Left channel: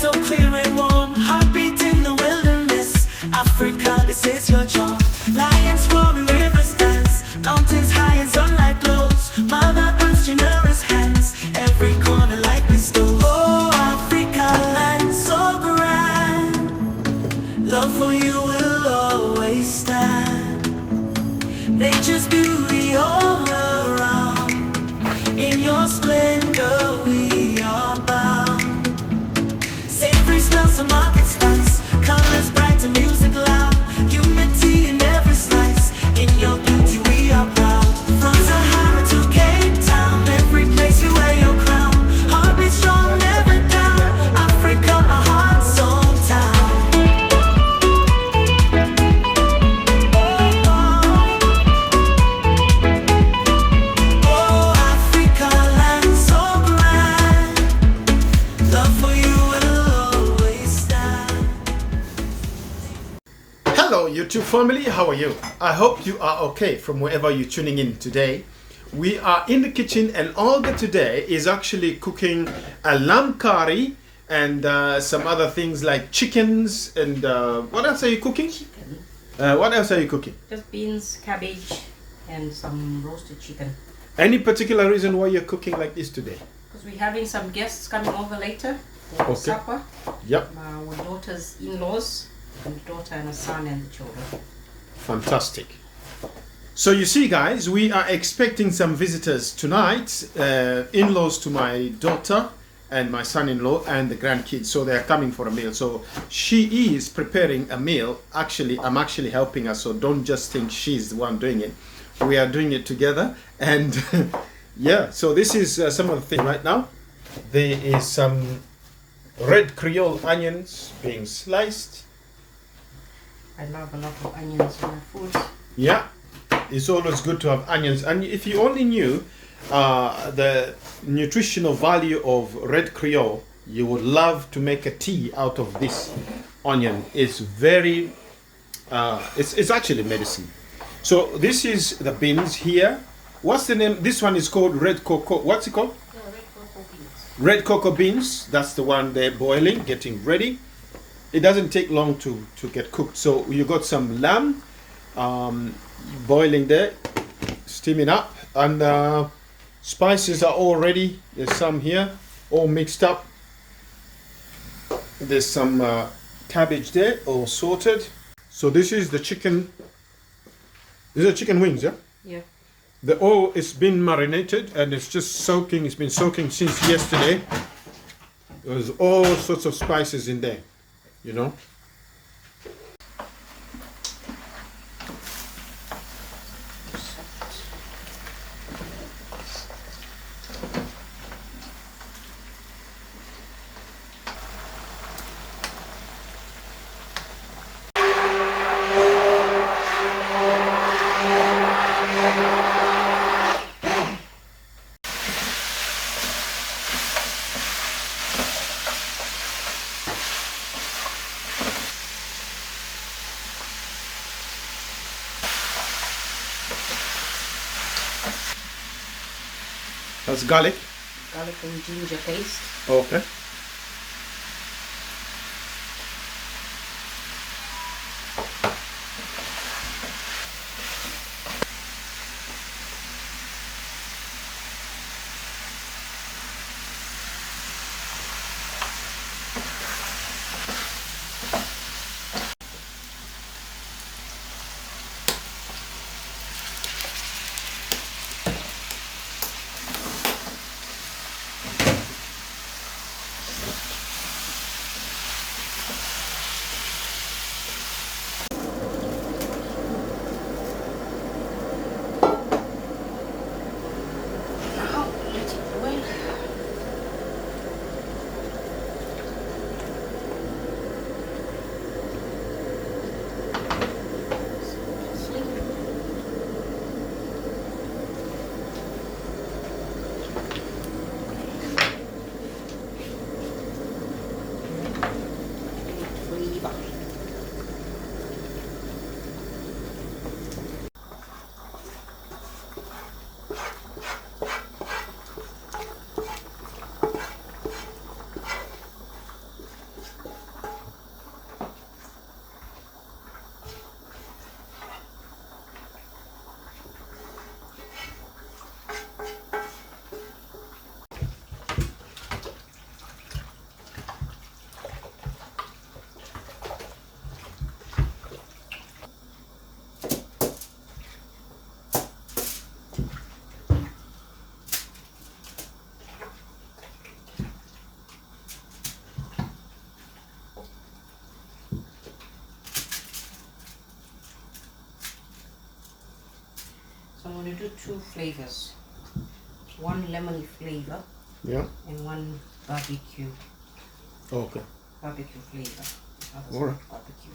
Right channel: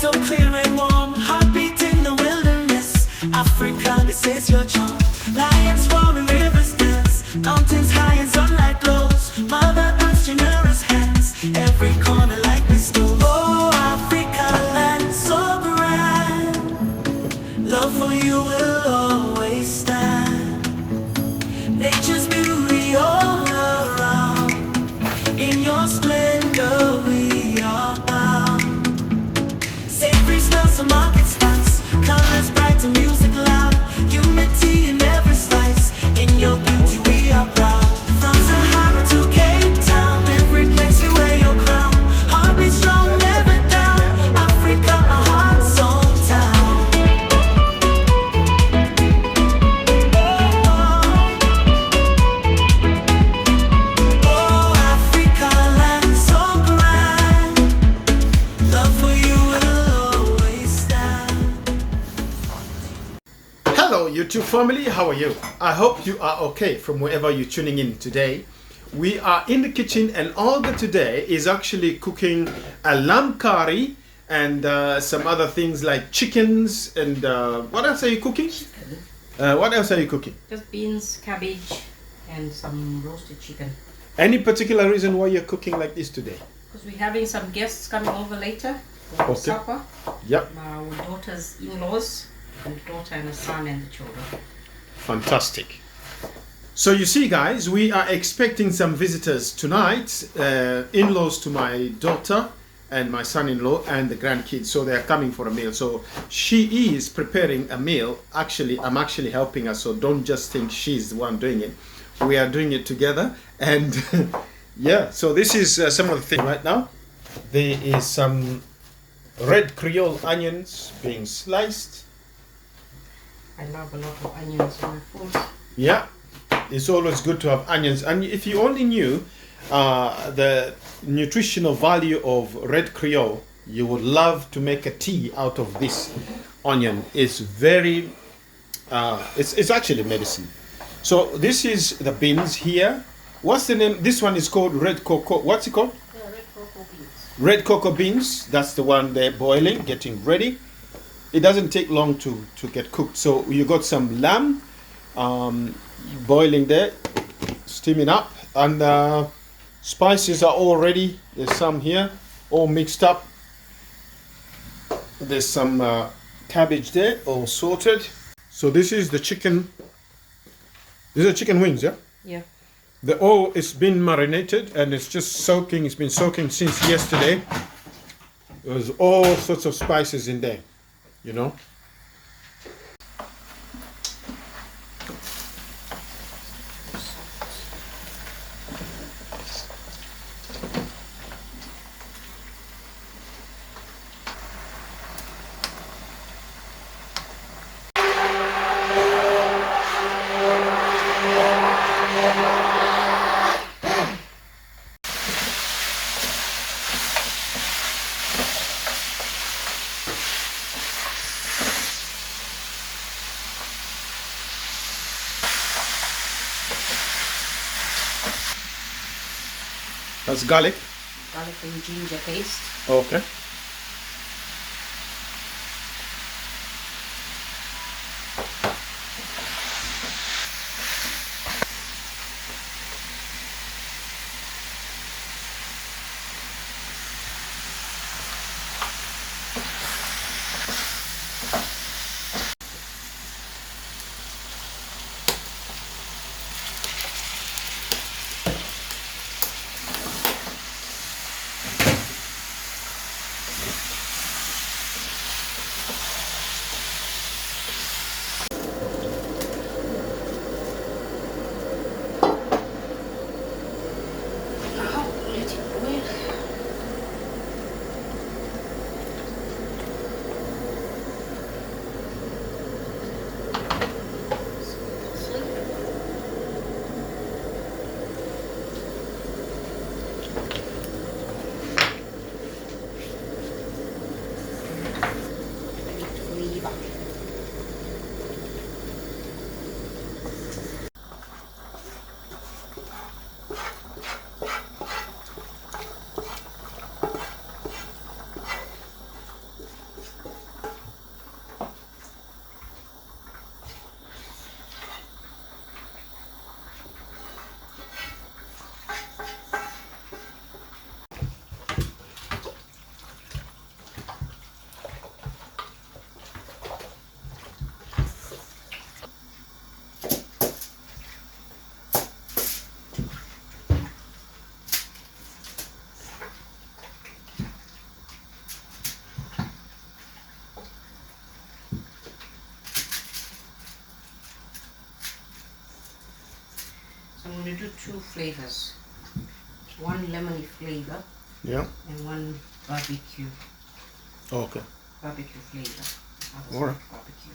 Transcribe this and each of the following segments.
so clear and warm, heartbeat in the wilderness. Africa, this is your charm. Lions roaring, rivers dance, mountains high and sunlight glows. Mother Earth's generous hands, every corner like bestows. Oh, Africa, land so grand, love for you will always stand. Nature's beauty all around, in your splendor we are bound. Savory smells of market spice, colors bright and music loud. Unity in every slice, in your beauty we are proud. From Sahara to Cape Town, every place you wear your crown. Heartbeat strong, never down, Africa, a heart's own town. Oh, Africa, land so grand, love for you will always stand. Hello YouTube family, how are you? I hope you are okay from wherever you're tuning in today. We are in the kitchen and Olga today is actually cooking a lamb curry and some other things like chickens and what else are you cooking? What else are you cooking? Just beans, cabbage, and some roasted chicken. Any particular reason why you're cooking like this today? Because we're having some guests coming over later for Okay. supper. Yep, Our daughter's in-laws, and the daughter and the son and the children. fantastic. So you see guys, we are expecting some visitors tonight, in-laws to my daughter and my son-in-law and the grandkids, so they are coming for a meal. So she is preparing a meal. Actually, I'm actually helping her, so don't just think she's the one doing it. We are doing it together, and yeah, so this is some of the things right now. There is some red Creole onions being sliced. I love a lot of onions in my food. Yeah, it's always good to have onions. And if you only knew the nutritional value of red Creole, you would love to make a tea out of this onion. It's very, it's actually medicine. So this is the beans here. What's the name? This one is called red cocoa. What's it called? Red cocoa beans. Red cocoa beans. That's the one they're boiling, getting ready. It doesn't take long to get cooked. So you got some lamb boiling there, steaming up, and spices are all ready. There's some here, all mixed up. There's some cabbage there, all sorted. So this is the chicken. These are chicken wings, yeah? Yeah. The oil is been marinated and it's just soaking. It's been soaking since yesterday. There's all sorts of spices in there, you know. That's garlic. Garlic and ginger paste. Okay. I'm going to do 2 flavors. One lemony flavor Yeah. and one barbecue Okay. flavor. All right. Barbecue.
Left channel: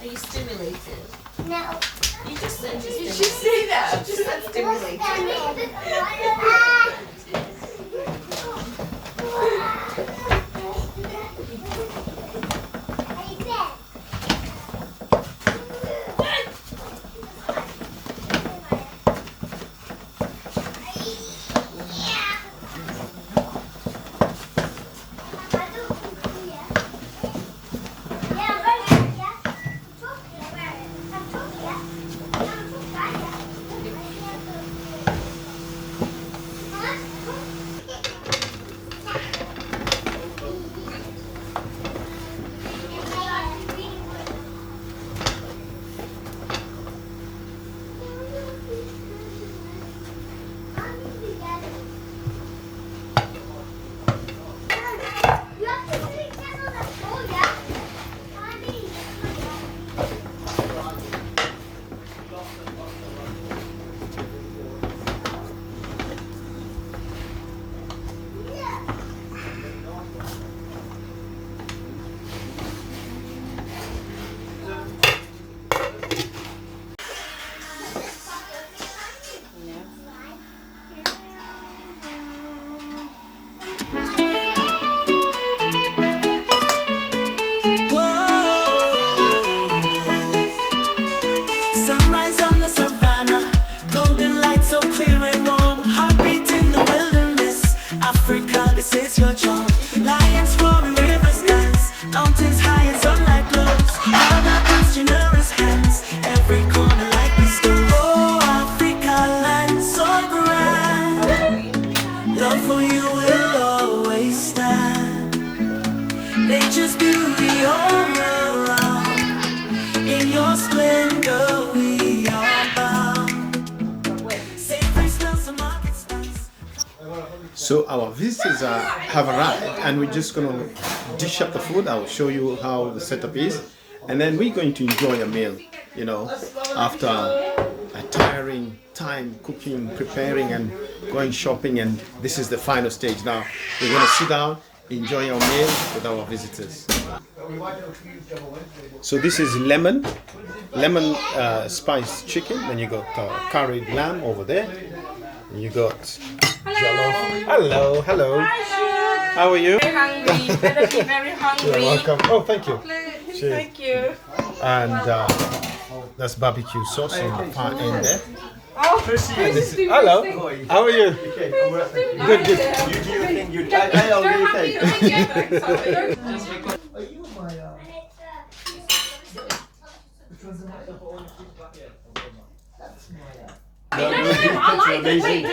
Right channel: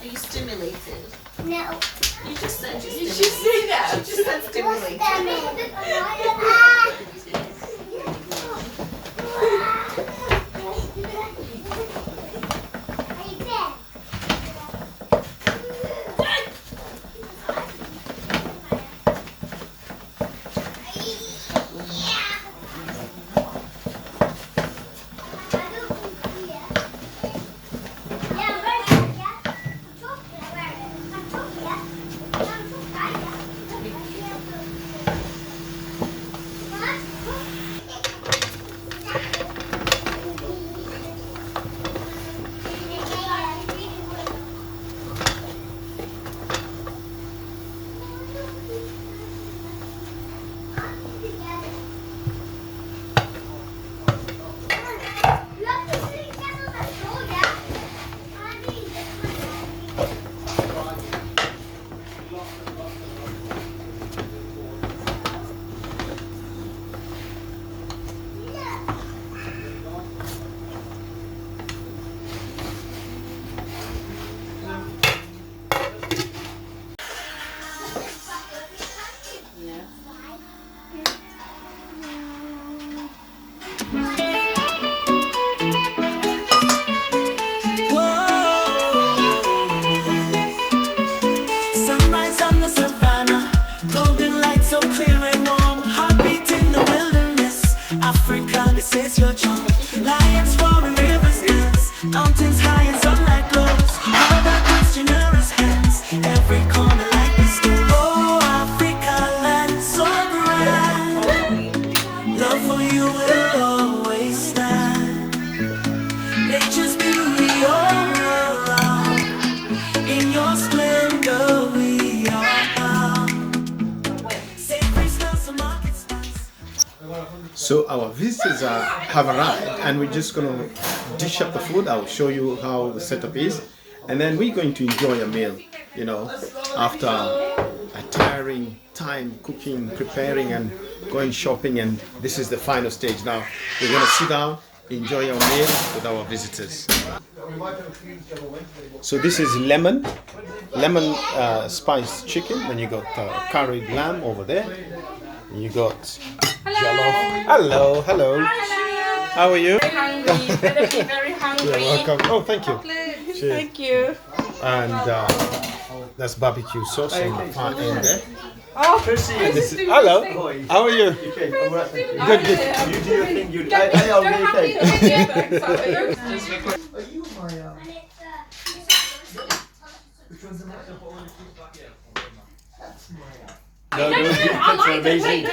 Are you stimulated? No. You just said You should say that. You just said stimulated. Sunrise on the savannah, golden light so clear and warm. Heartbeat in the wilderness, Africa, this is your charm. Lions roaring, rivers dance, mountains high and sunlight glows. Mother Earth's generous hands, every corner like bestows. Oh, Africa, land so grand, love for you will always stand. Nature's beauty all around, in your splendor we are bound. Savory smells of market spice. So our visitors have arrived, and we're just gonna dish up the food. I'll show you how the setup is, and then we're going to enjoy a meal. You know, after a tiring time cooking, preparing, and going shopping, and this is the final stage. Now we're gonna sit down, enjoy our meal with our visitors. So this is lemon spiced chicken. Then you got curried lamb over there. You got Jollof. Hello, hello. How are you? Hungry. Better be very hungry. You're welcome. Oh, thank you. Cheers. Thank you. And that's barbecue sauce on the far end there. Oh, And this is, hello. How are you? Okay, I'm right, thank you. Good, good. You do your thing. You, I are you okay? No, no, the pictures are amazing.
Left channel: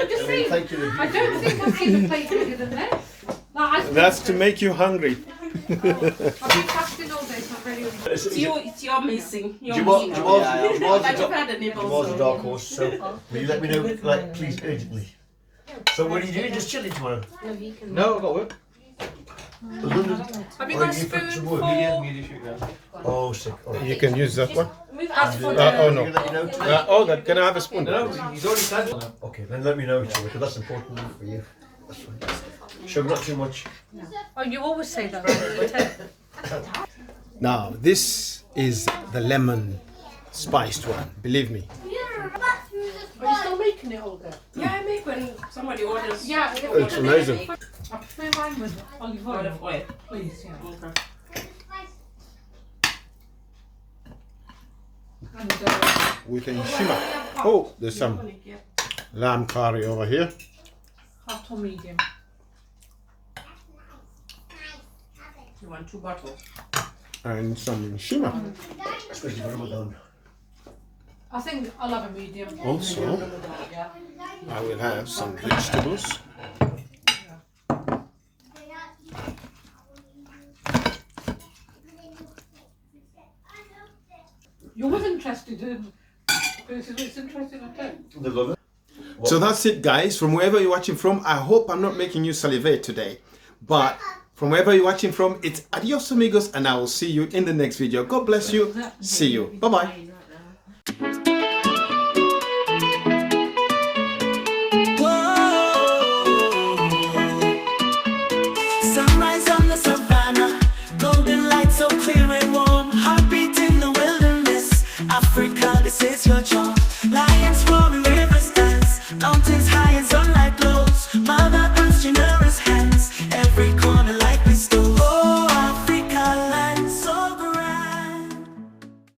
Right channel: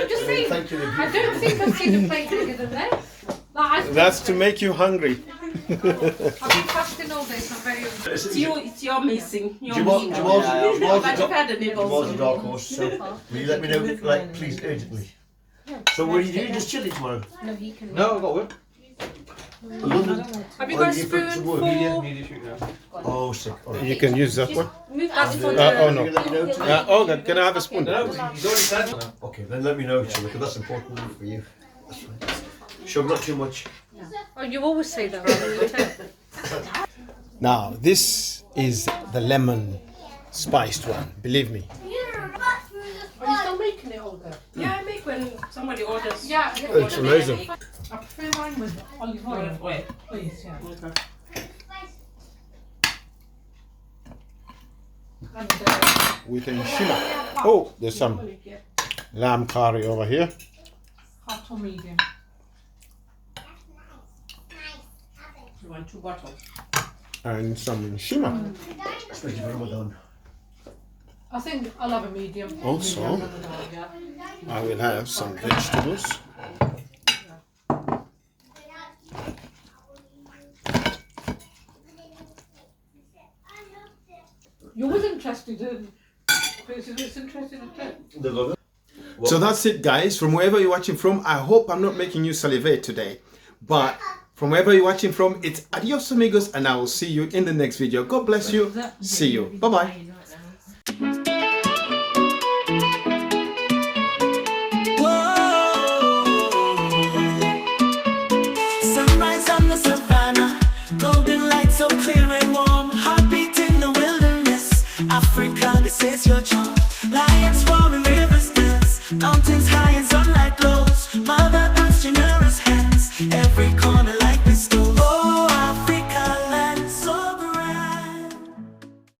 Thank you. I don't think I've seen a plate bigger than this. Like, That's to make you hungry. I've been fasting all day, so I'm very hungry. it's your missing. You're Jamal, missing. Jamal's But you've had a nibble. Jamal's a dark horse, so will you let me know, like, please, urgently? So what are you doing? Just chilling tomorrow? No, I've got work. London? Have you Oh, got a you put spoon some for... work? Oh, sick. All right. You can use that one. Move that for Oh no. Can you let me know today? Can I have a spoon? No, he's already said. Okay, then let me know too, because that's important for you. That's fine. Sugar, not too much. Oh, you always say that. Now, this is the lemon spiced one, believe me. Are you still making it, Olga? Yeah, I make when somebody orders. Yeah, It's amazing. I prefer mine with olive oil. Olive oil. Please, yeah. Okay. And With a shimmer. Oh, there's some lamb curry over here. hot or medium. You want 2 bottles? And some shimmer. Especially for Ramadan. I think I'll have a medium. Also, Yeah. I will have some vegetables. You was interested in... It's interested in it. The lover? So that's it, guys. From wherever you're watching from, I hope I'm not making you salivate today. But from wherever you're watching from, it's adios amigos, and I will see you in the next video. God bless you. See you. Bye-bye. Sunrise on the savannah, golden light so clear and warm. Heartbeat in the wilderness, Africa, this is your charm. Lions roaring, rivers dance, mountains high and sunlight glows. Mother Earth's generous